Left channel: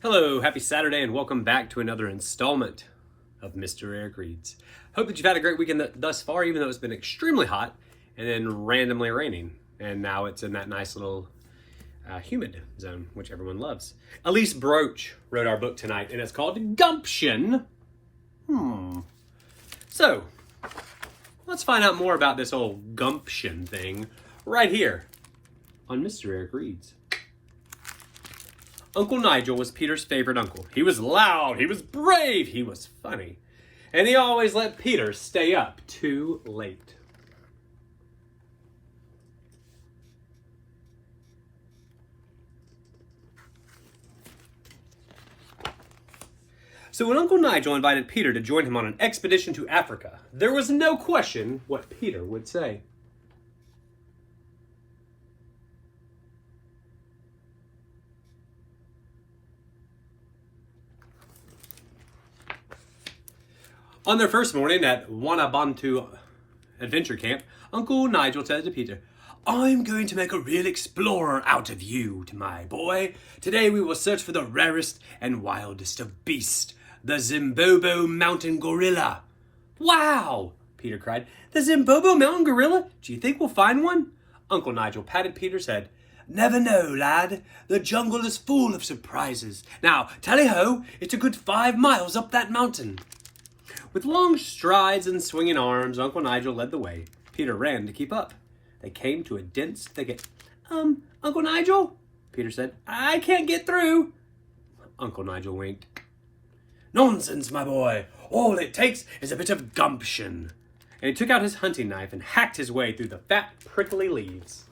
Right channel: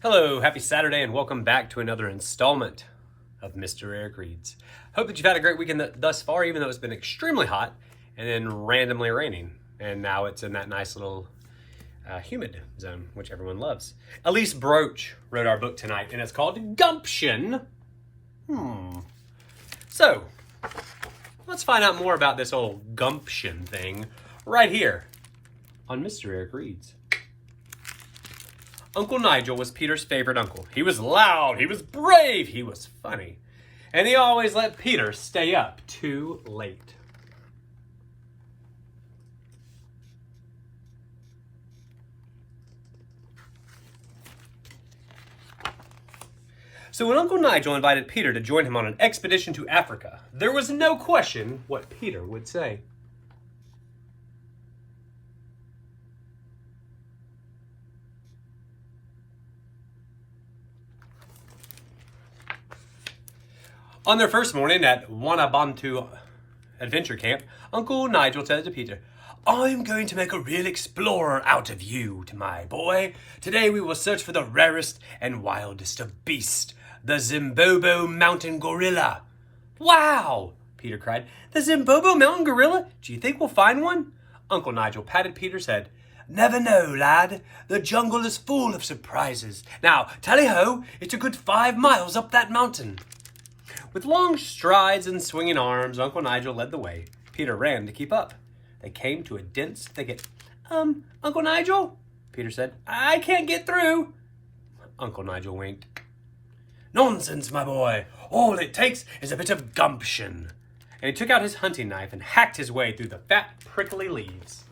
Hello, happy Saturday, and welcome back to another installment of Mr. Eric Reads. Hope that you've had a great weekend thus far, even though it's been extremely hot and then randomly raining. And now it's in that nice little humid zone, which everyone loves. Elise Broach wrote our book tonight, and it's called Gumption. So, let's find out more about this old gumption thing right here on Mr. Eric Reads. Uncle Nigel was Peter's favorite uncle. He was loud, he was brave, he was funny. And he always let Peter stay up too late. So when Uncle Nigel invited Peter to join him on an expedition to Africa, there was no question what Peter would say. On their first morning at Wanabantu Adventure Camp, Uncle Nigel said to Peter, "I'm going to make a real explorer out of you, my boy. Today we will search for the rarest and wildest of beasts, the Zimbobo mountain gorilla." "Wow!" Peter cried. "The Zimbobo mountain gorilla? Do you think we'll find one?" Uncle Nigel patted Peter's head. "Never know, lad. The jungle is full of surprises. Now, tally-ho, it's a good 5 miles up that mountain." With long strides and swinging arms, Uncle Nigel led the way. Peter ran to keep up. They came to a dense thicket. Uncle Nigel?" Peter said. "I can't get through." Uncle Nigel winked. "Nonsense, my boy. All it takes is a bit of gumption." And he took out his hunting knife and hacked his way through the fat, prickly leaves.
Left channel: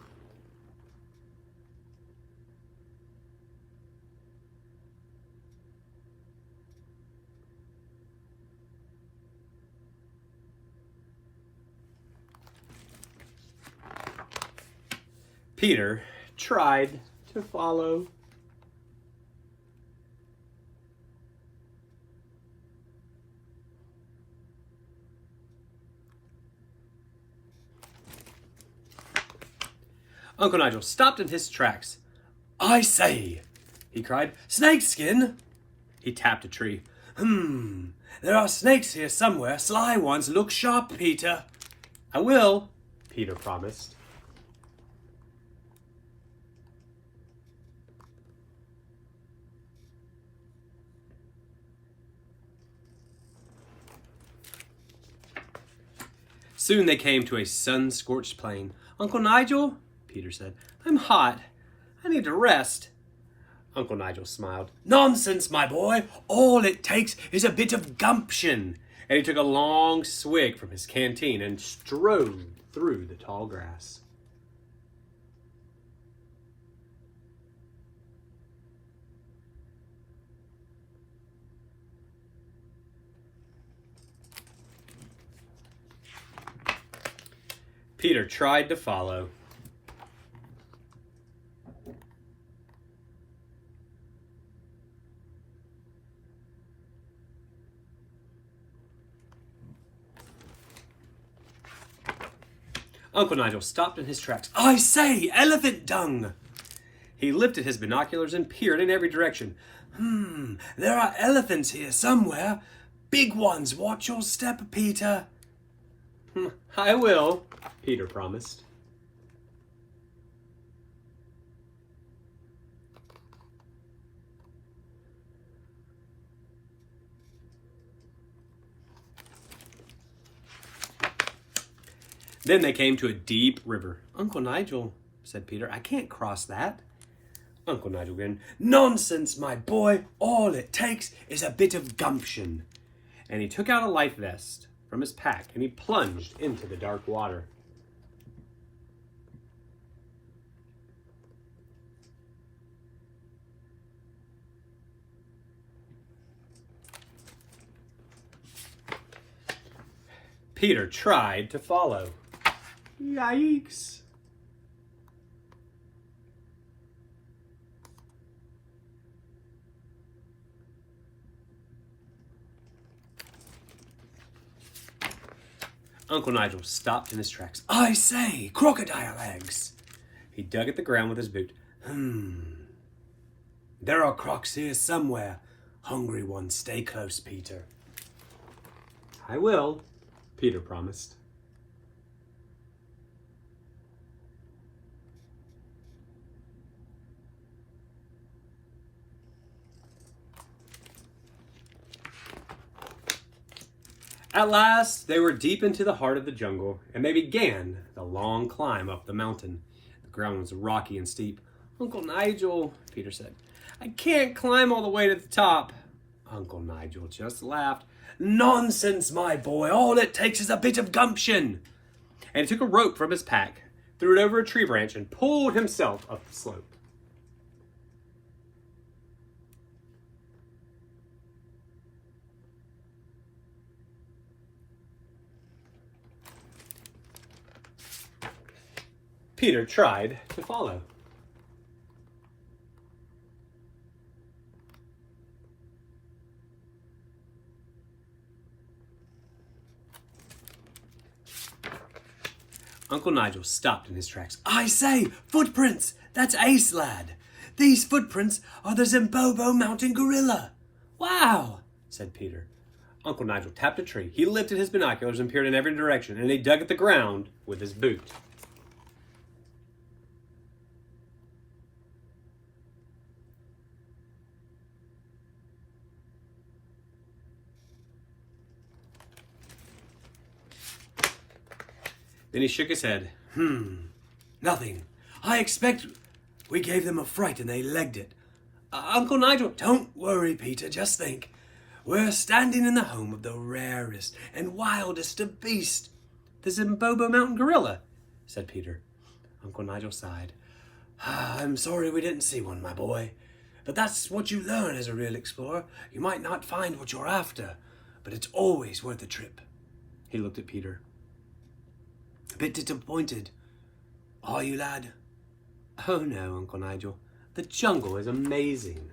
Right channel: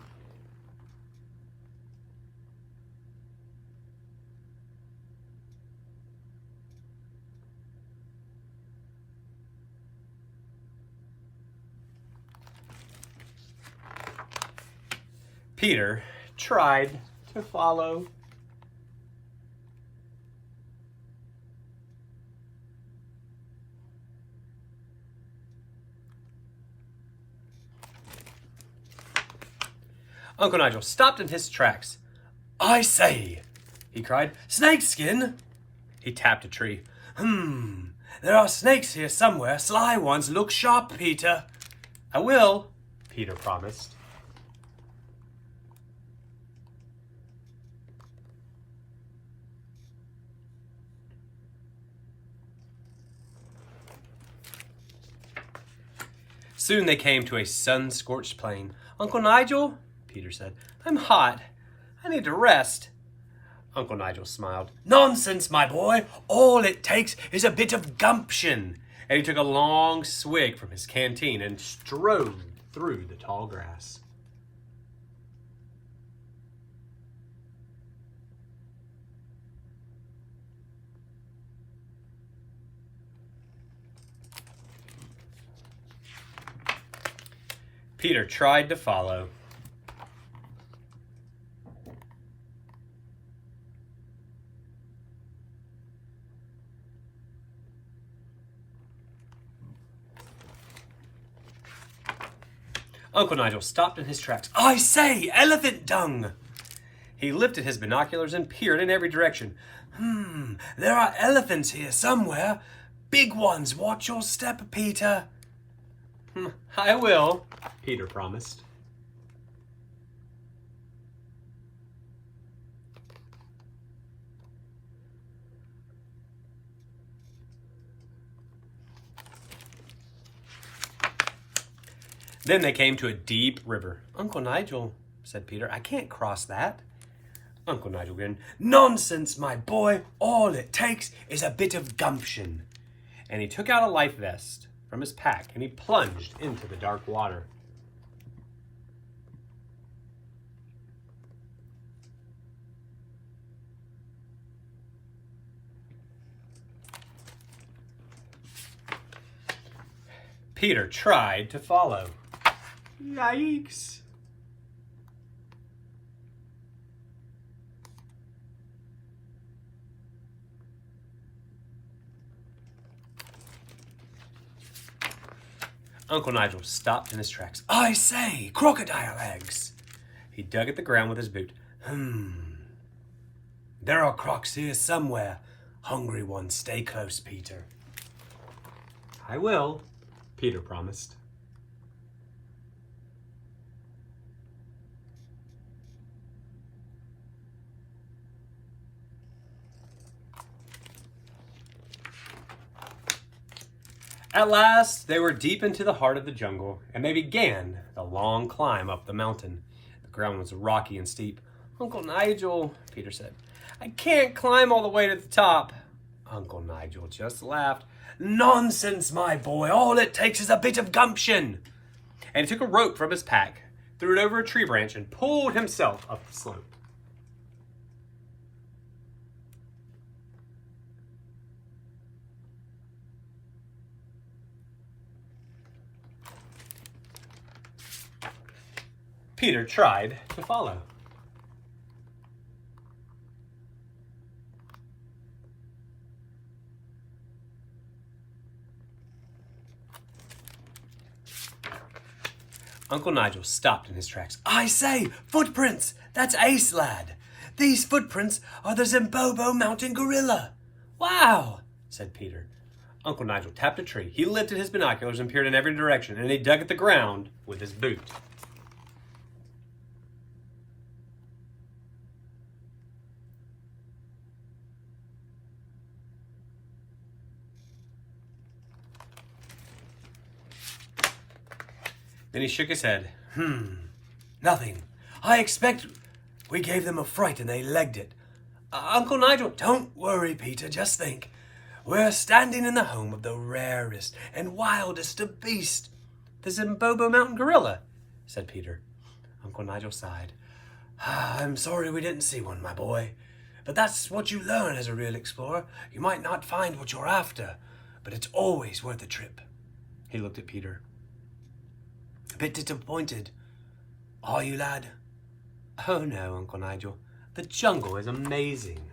Peter tried to follow. Uncle Nigel stopped in his tracks. "I say," he cried, "snakeskin!" He tapped a tree. There are snakes here somewhere, sly ones. Look sharp, Peter." "I will," Peter promised. Soon they came to a sun-scorched plain. "Uncle Nigel," Peter said, "I'm hot. I need to rest." Uncle Nigel smiled. "Nonsense, my boy. All it takes is a bit of gumption." And he took a long swig from his canteen and strode through the tall grass. Peter tried to follow. Uncle Nigel stopped in his tracks. "I say, elephant dung!" He lifted his binoculars and peered in every direction. There are elephants here somewhere. Big ones. Watch your step, Peter." "I will," Peter promised. Then they came to a deep river. "Uncle Nigel," said Peter, "I can't cross that." Uncle Nigel grinned. "Nonsense, my boy. All it takes is a bit of gumption." And he took out a life vest from his pack and he plunged into the dark water. Peter tried to follow. Yikes. Uncle Nigel stopped in his tracks. "I say, crocodile eggs!" He dug at the ground with his boot. There are crocs here somewhere. Hungry ones, stay close, Peter. I will, Peter promised. At last, they were deep into the heart of the jungle, and they began the long climb up the mountain. The ground was rocky and steep. Uncle Nigel, Peter said, I can't climb all the way to the top. Uncle Nigel just laughed. Nonsense, my boy. All it takes is a bit of gumption. And he took a rope from his pack, threw it over a tree branch, and pulled himself up the slope. Peter tried to follow. Uncle Nigel stopped in his tracks. I say, footprints! That's Ace, lad. These footprints are the Zimbobo mountain gorilla. Wow, said Peter. Uncle Nigel tapped a tree. He lifted his binoculars and peered in every direction, and he dug at the ground with his boot. Then he shook his head. Nothing. I expect we gave them a fright and they legged it. Uncle Nigel, don't worry, Peter. Just think. We're standing in the home of the rarest and wildest of beasts, the Zimbobo mountain gorilla, said Peter. Uncle Nigel sighed. I'm sorry we didn't see one, my boy. But that's what you learn as a real explorer. You might not find what you're after, but it's always worth a trip. He looked at Peter. A bit disappointed. Are you, lad? Oh no, Uncle Nigel. The jungle is amazing.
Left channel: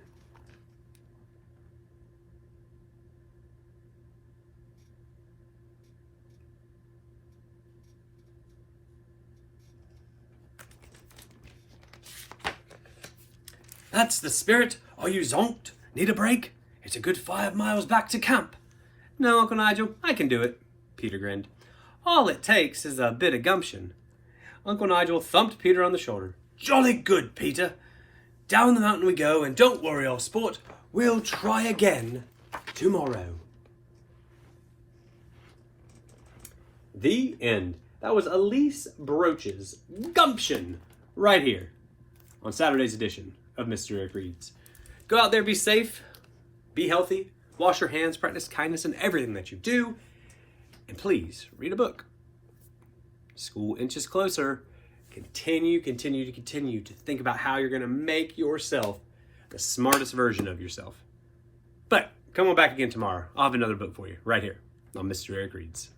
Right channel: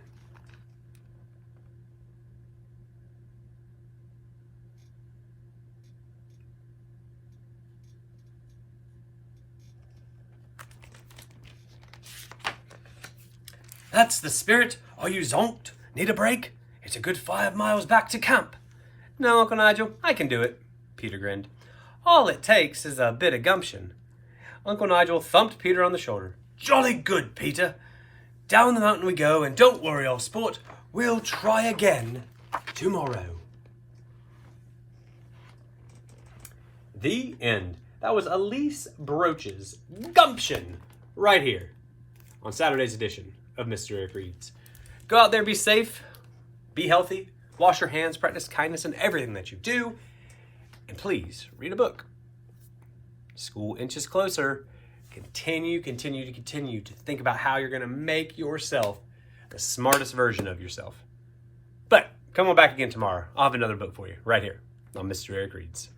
That's the spirit. Are you zonked? Need a break? It's a good 5 miles back to camp. No, Uncle Nigel, I can do it, Peter grinned. All it takes is a bit of gumption. Uncle Nigel thumped Peter on the shoulder. Jolly good, Peter. Down the mountain we go, and don't worry, old sport. We'll try again tomorrow. The end. That was Elise Broach's Gumption right here on Saturday's edition of Mr. Eric Reads. Go out there, be safe, be healthy, wash your hands, practice kindness in everything that you do, and please read a book. School inches closer. Continue to think about how you're going to make yourself the smartest version of yourself. But come on back again tomorrow. I'll have another book for you right here on Mr. Eric Reads.